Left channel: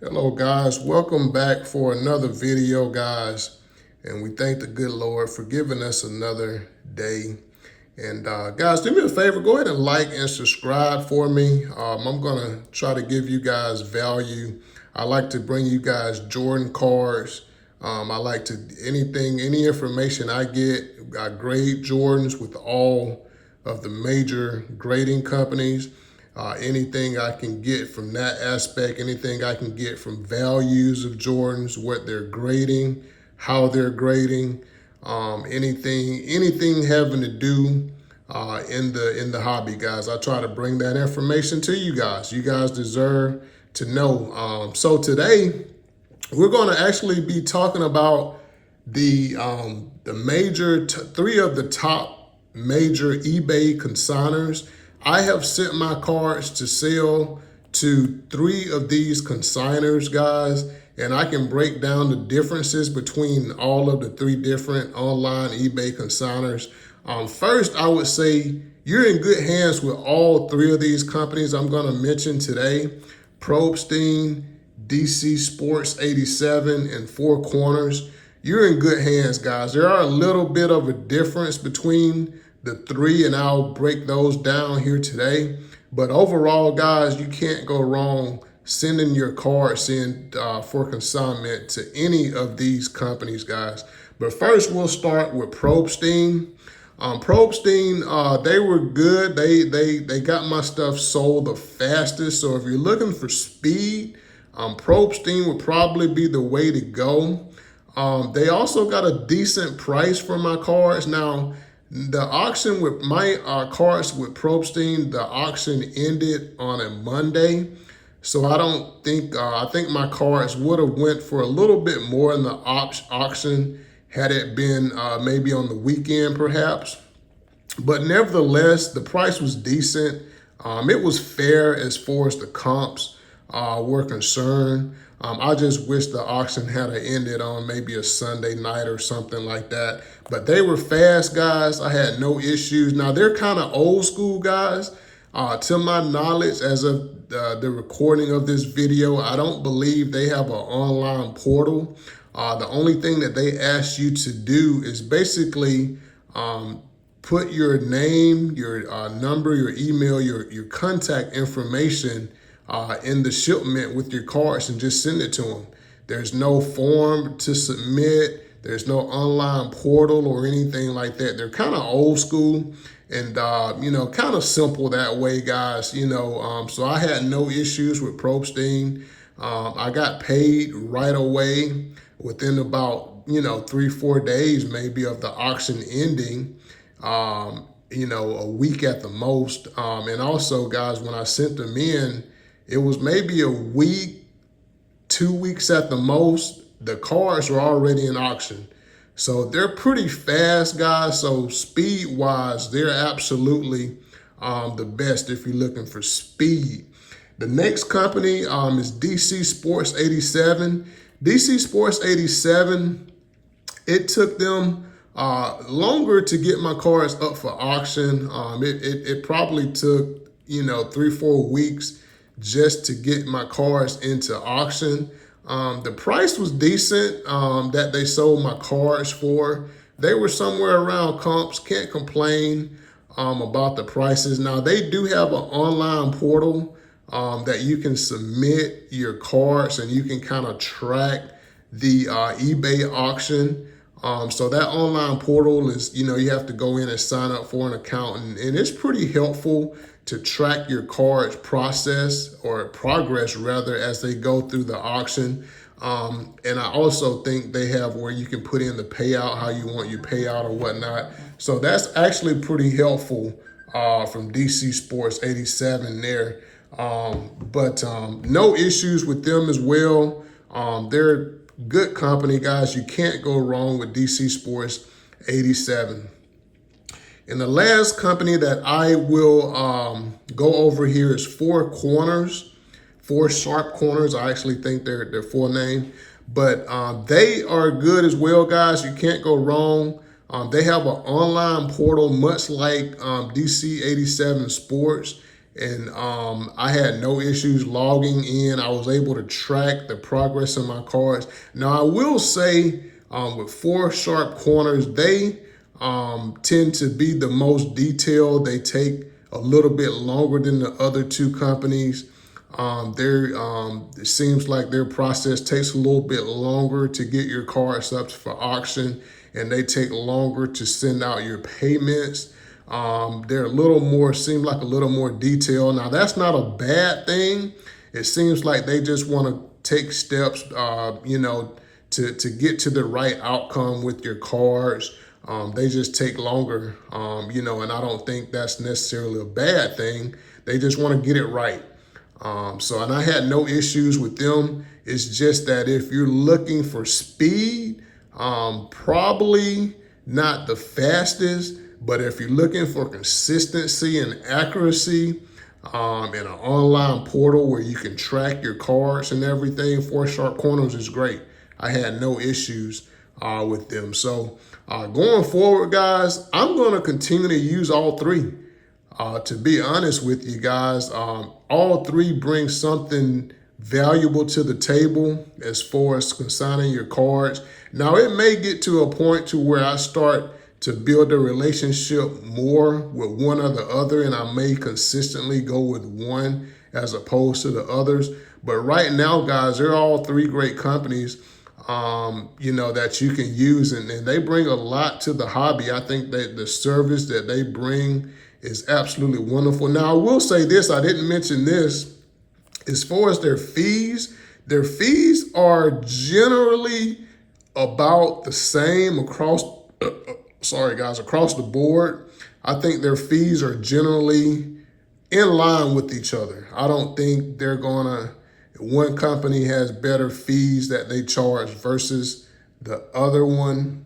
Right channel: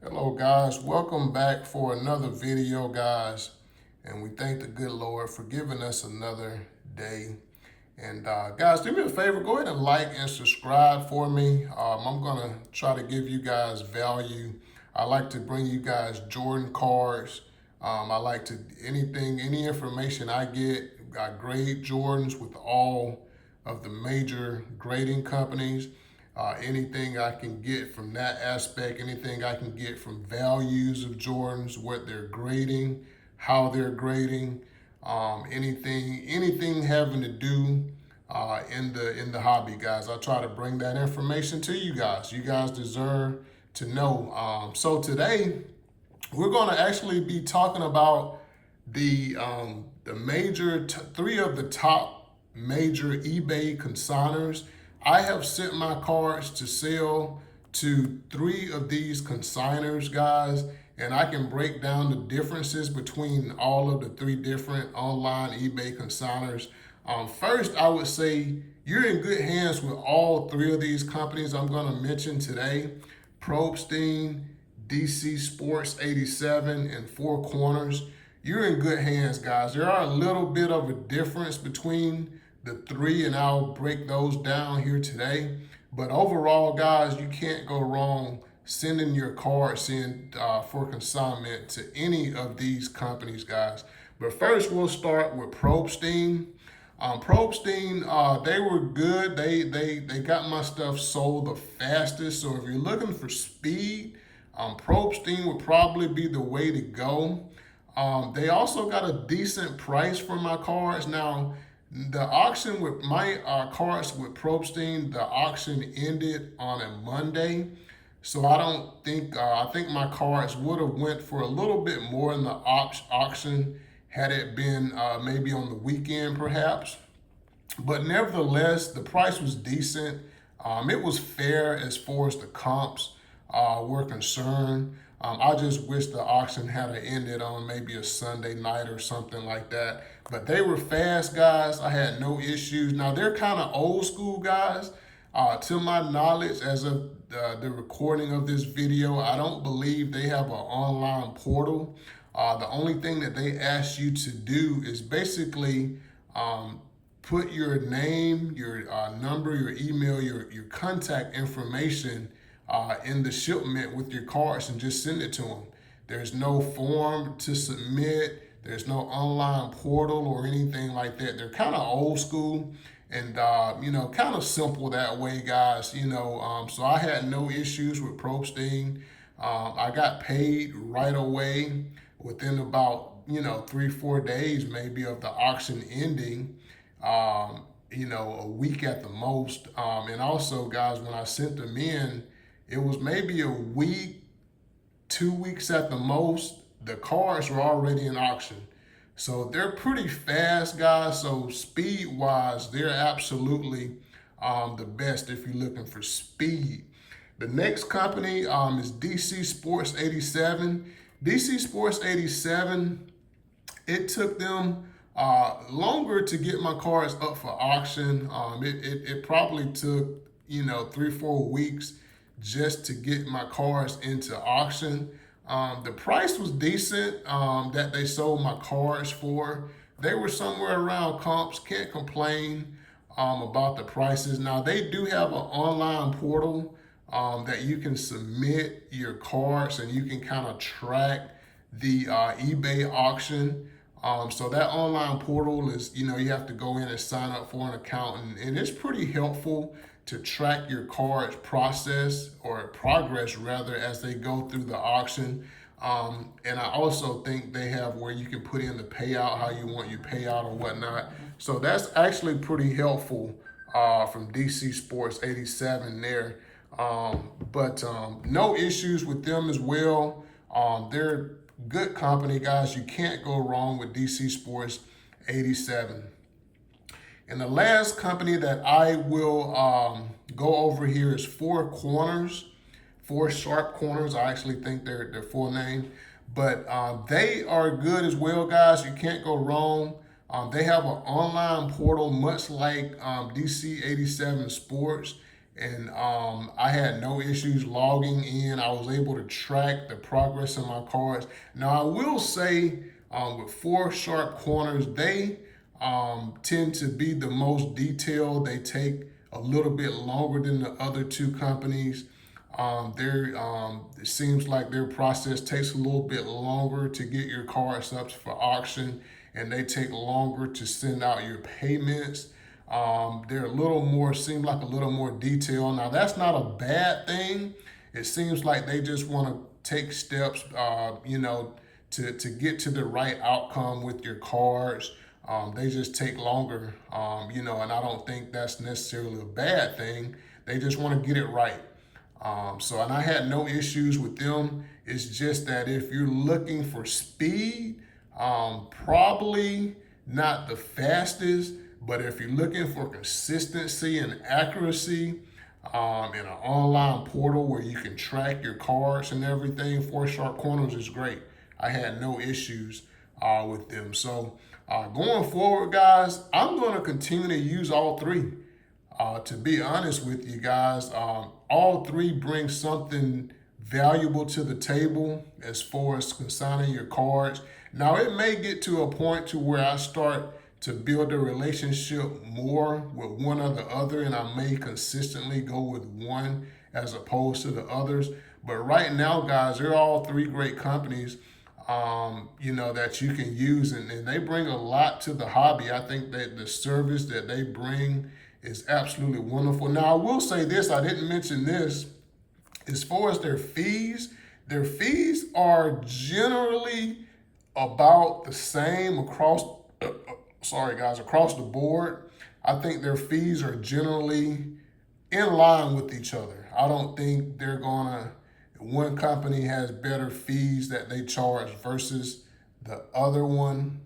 Hello guys, welcome back for another video guys, and we thank the good Lord for giving us another day. And guys, do me a favor, go ahead and like and subscribe for me. I'm gonna try to give you guys value. I like to bring you guys Jordan cards. I like to, any information I get, I grade Jordans with all of the major grading companies. Anything I can get from that aspect, anything I can get from values of Jordans, what they're grading, how they're grading, anything having to do in the hobby, guys. I try to bring that information to you guys. You guys deserve to know. So today we're going to actually be talking about the major three of the top major eBay consigners. I have sent my cards to sell to three of these consigners, guys, and I can break down the differences between all of the three different online eBay consigners. First, I would say you're in good hands with all three of these companies I'm going to mention today: Probstein, dcsports87, and Four Corners. You're in good hands, guys. There are a little bit of a difference between the three, and I'll break those down here today. But overall, guys, you can't go wrong sending your cards in for consignment to any of these companies, guys. But first, we'll start with Probstein. Probstein, they were good. They got my stuff sold the fastest. So if you're looking for speed, Probstein would probably be the way to go. They also got a decent price for my cards. Now, the auction with my cards with Probstein, the auction ended on a Monday. So I don't think, I think my cards would have went for a little bit more in the auction had it been maybe on the weekend perhaps. But nevertheless, the price was decent. It was fair as far as the comps were concerned. I just wish the auction had ended on maybe a Sunday night or something like that. But they were fast, guys. I had no issues. Now, they're kind of old school, guys. To my knowledge, as of the recording of this video, I don't believe they have an online portal. The only thing that they ask you to do is basically put your name, your number, your email, your contact information in the shipment with your cards and just send it to them. There's no form to submit. There's no online portal or anything like that. They're kind of old school and, kind of simple that way, guys. So I had no issues with Probstein. I got paid right away within about, 3-4 days maybe of the auction ending. A week at the most. And also, guys, when I sent them in, it was maybe a week, 2 weeks at the most. The cards were already in auction. So they're pretty fast, guys. So speed-wise, they're absolutely the best if you're looking for speed. The next company is dcsports87. dcsports87, it took them longer to get my cards up for auction. It probably took, 3-4 weeks just to get my cards into auction. The price was decent that they sold my cards for. They were somewhere around comps. Can't complain about the prices. Now, they do have an online portal that you can submit your cards and you can kind of track the eBay auction. So that online portal is, you have to go in and sign up for an account, and it's pretty helpful to track your cards progress rather as they go through the auction. And I also think they have where you can put in the payout, how you want your payout or whatnot. So that's actually pretty helpful from dcsports87 there. But no issues with them as well. They're good company, guys. You can't go wrong with dcsports87. And the last company that I will go over here is Four Corners, Four Sharp Corners. I actually think their full name, but they are good as well, guys. You can't go wrong. They have an online portal, much like DC87 Sports, and I had no issues logging in. I was able to track the progress of my cards. Now I will say with 4 Sharp Corners, they tend to be the most detailed. They take a little bit longer than the other 2 companies. It seems like their process takes a little bit longer to get your cards up for auction, and they take longer to send out your payments. They're a little more, seem like a little more detailed. Now that's not a bad thing. It seems like they just want to take steps, to get to the right outcome with your cards. They just take longer, and I don't think that's necessarily a bad thing. They just want to get it right. And I had no issues with them. It's just that if you're looking for speed, probably not the fastest, but if you're looking for consistency and accuracy, in an online portal where you can track your cards and everything, 4 Sharp Corners is great. I had no issues with them. So going forward, guys, I'm going to continue to use all 3. To be honest with you guys, all 3 bring something valuable to the table as far as consigning your cards. Now, it may get to a point to where I start to build a relationship more with one or the other, and I may consistently go with one as opposed to the others. But right now, guys, they're all 3 great companies, that you can use, and they bring a lot to the hobby. I think that the service that they bring is absolutely wonderful. Now, I will say this, I didn't mention this, as far as their fees are generally about the same across the board. I think their fees are generally in line with each other. I don't think one company has better fees that they charge versus the other one.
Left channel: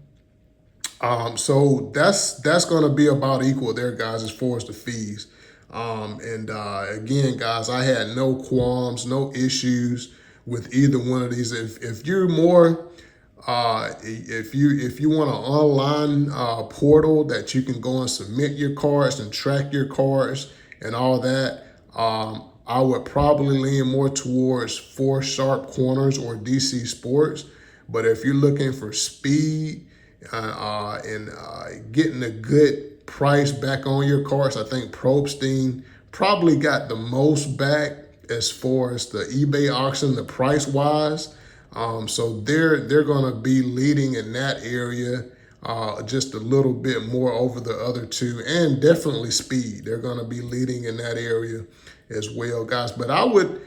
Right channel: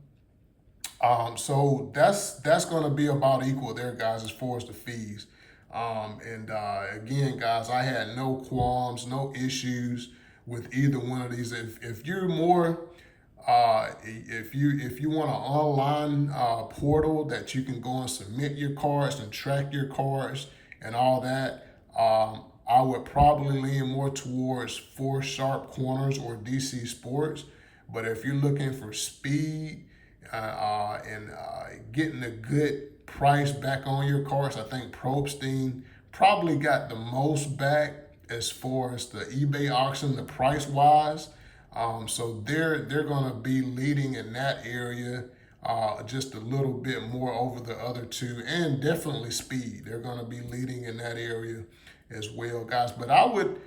So that's going to be about equal there, guys, as far as the fees. Again, guys, I had no qualms, no issues with either one of these. If you're more, if you want an online portal that you can go and submit your cards and track your cards and all that, I would probably lean more towards 4 Sharp Corners or DC Sports. But if you're looking for speed and getting a good price back on your cards, I think Probstein probably got the most back as far as the eBay auction, the price wise. So they're going to be leading in that area just a little bit more over the other 2, and definitely speed. They're going to be leading in that area as well, guys. But I would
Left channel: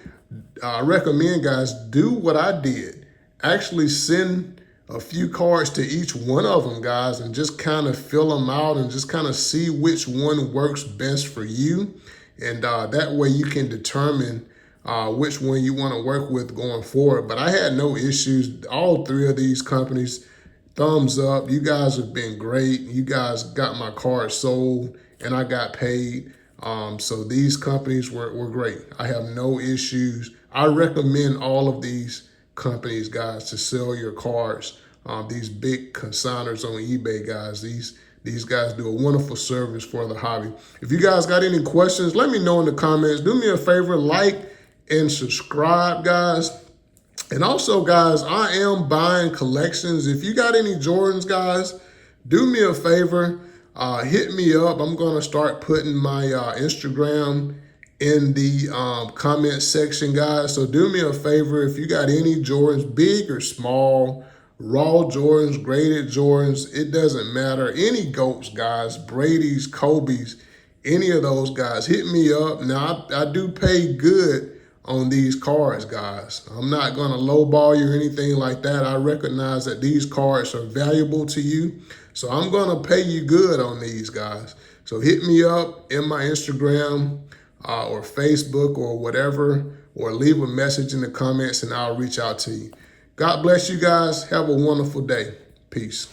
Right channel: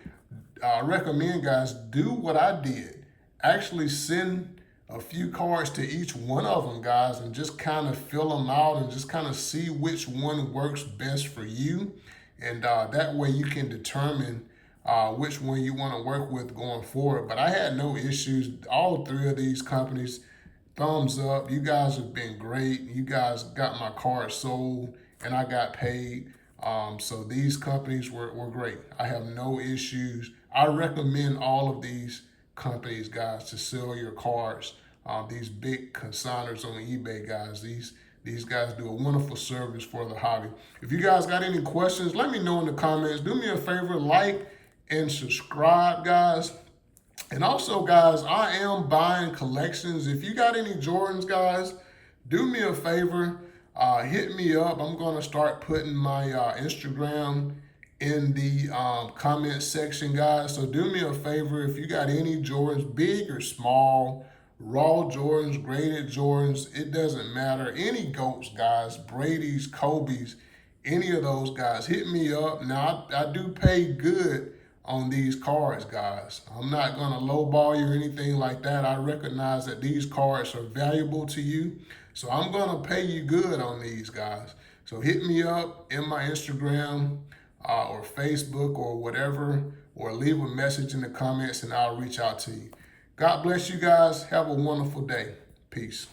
recommend, guys, do what I did. Actually send a few cards to each one of them, guys, and just kind of fill them out and just kind of see which one works best for you. And that way you can determine which one you want to work with going forward. But I had no issues. All 3 of these companies, thumbs up. You guys have been great. You guys got my card sold and I got paid. So these companies were great. I have no issues. I recommend all of these companies, guys, to sell your cards. These big consigners on eBay, guys, these guys do a wonderful service for the hobby. If you guys got any questions, let me know in the comments. Do me a favor, like and subscribe, guys. And also, guys, I am buying collections. If you got any Jordans, guys, do me a favor, hit me up. I'm going to start putting my Instagram in the comment section, guys. So do me a favor, if you got any Jordans, big or small, raw Jordans, graded Jordans, it doesn't matter. Any GOATs, guys, Brady's, Kobe's, any of those guys, hit me up. Now, I do pay good on these cards, guys. I'm not going to lowball you or anything like that. I recognize that these cards are valuable to you, so I'm going to pay you good on these, guys. So hit me up in my Instagram or Facebook or whatever, or leave a message in the comments and I'll reach out to you. God bless you guys. Have a wonderful day. Peace.